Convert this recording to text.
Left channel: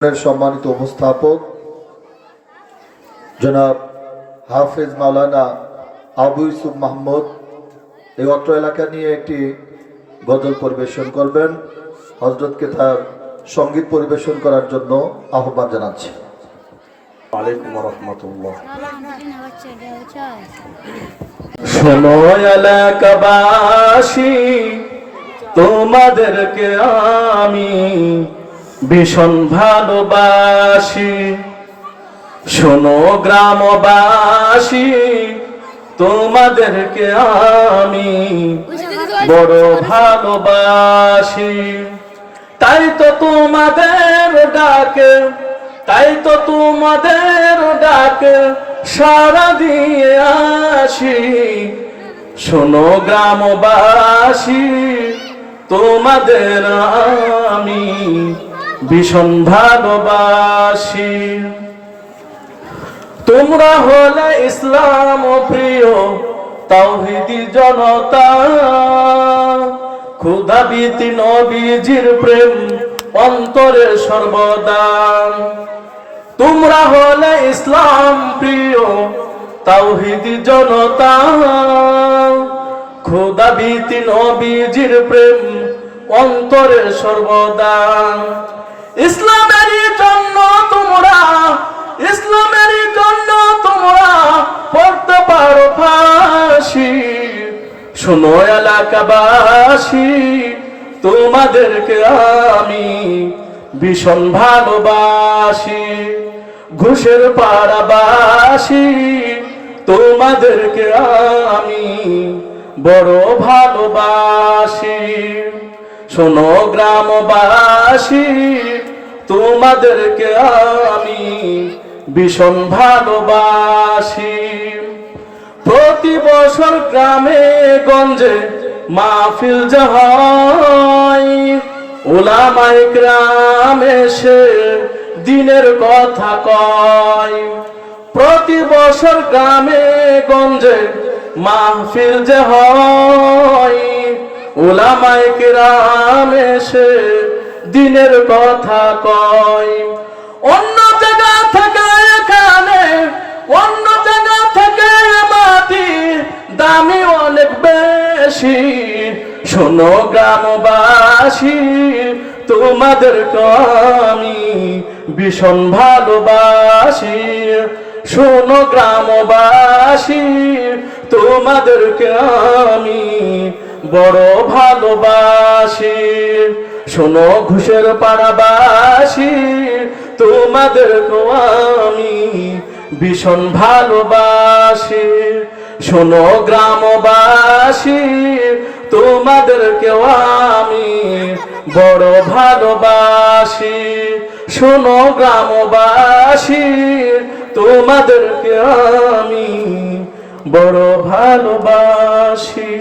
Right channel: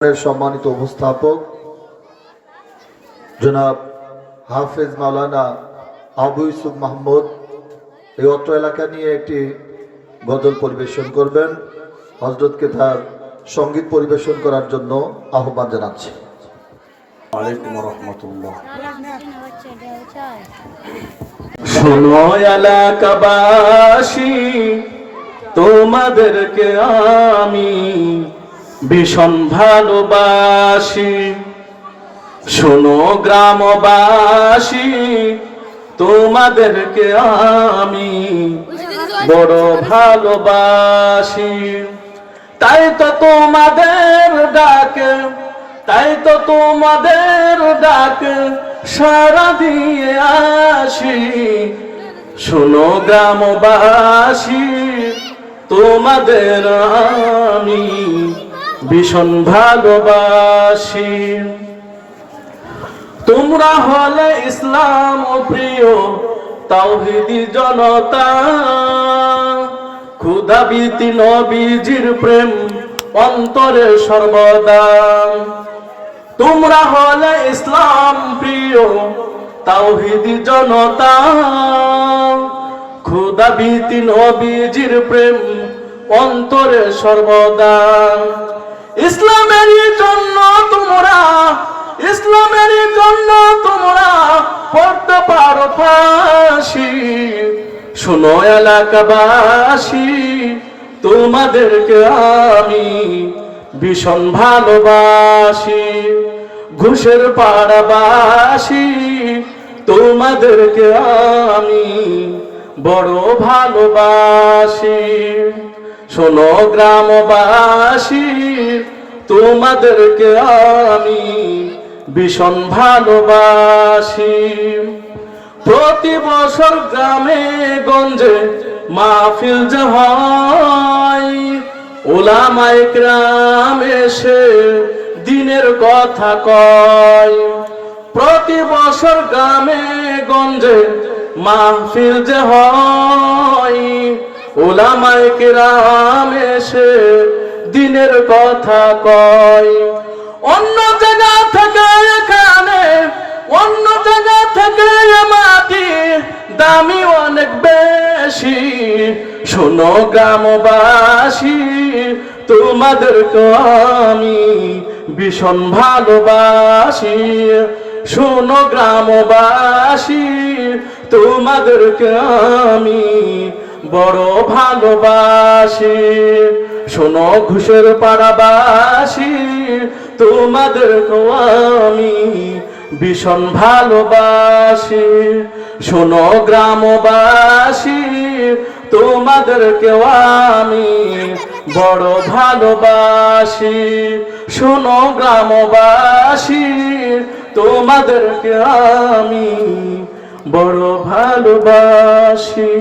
সম্মানিত উপস্থাপক জনাব হাফেজ মাওলানা আবু ইউসুফ মাহমুদ এই অত্র এলাকা নিয়ে একটি গজল পরিবেশন করবেন। হযরতকে তার সঙ্গীত পরিবেশন করার জন্য আহ্বান জানাচ্ছি। ওয়ালাইকুম রাহমাতুল্লাহ। শোনো এলাকাবাসী, তোমাদেরকে আমি ভীষণ ভালোবাসি। শোনো গ্রামবাসী, তোমাদেরকে আমি বড় ভালোবাসি। তাই তো তোমাদের ডাকে, তাই তো তোমাদের ডাকে সাড়া দিয়ে আসি। শোনো গ্রামবাসী, তোমাদের আমি ভীষণ ভালোবাসি। তোমরা হলে ইসলাম প্রিয় তাওহীদি জনতা, ক্ষুধাবীতি নবীজির প্রেম অন্তরে সর্বদা। তোমরা হলে ইসলাম প্রিয় তাওহীদি জনতা, ক্ষুধাবীতি নবীজির প্রেম অন্তরে সর্বদা। ইসলামেরই জন্য তোমরা, ইসলামেরই জন্য তোমরা পড়তে পারো ফাঁসি। শোনো এলাকাবাসী, তোমাদেরকে আমি ভীষণ ভালোবাসি। ঘুষের পাড়াবাসী, তোমাদেরকে আমি বড় ভালোবাসি। শোনো গ্রামবাসী, তোমাদেরকে আমি ভীষণ ভালোবাসি। প্রতি বছর গ্রামে গঞ্জে মাহফিল যে হয়, উলামায়ে কেরাম এসে দিনের কথা কয়। প্রতি বছর গ্রামে গঞ্জে মাহফিল যে হয়, উলামায়ে কেরাম এসে দিনের কথা কয়। অন্য জায়গা থেকে এখানে, অন্য জায়গা থেকে মাটি দামি অনেক বেশি। শোনো গ্রামবাসী, তোমাদেরকে আমি ভীষণ ভালোবাসি। শোনো গ্রামবাসী, তোমাদেরকে আমি বড় ভালোবাসি। শোনো ঘুষের পাড়াবাসী, তোমাদেরকে আমি ভীষণ ভালোবাসি। শোনো গ্রামবাসী, তোমাদেরকে আমি বড় ভালোবাসি। শোনো গ্রামবাসী, তোমাদেরকে আমি বড় ভালোবাসি।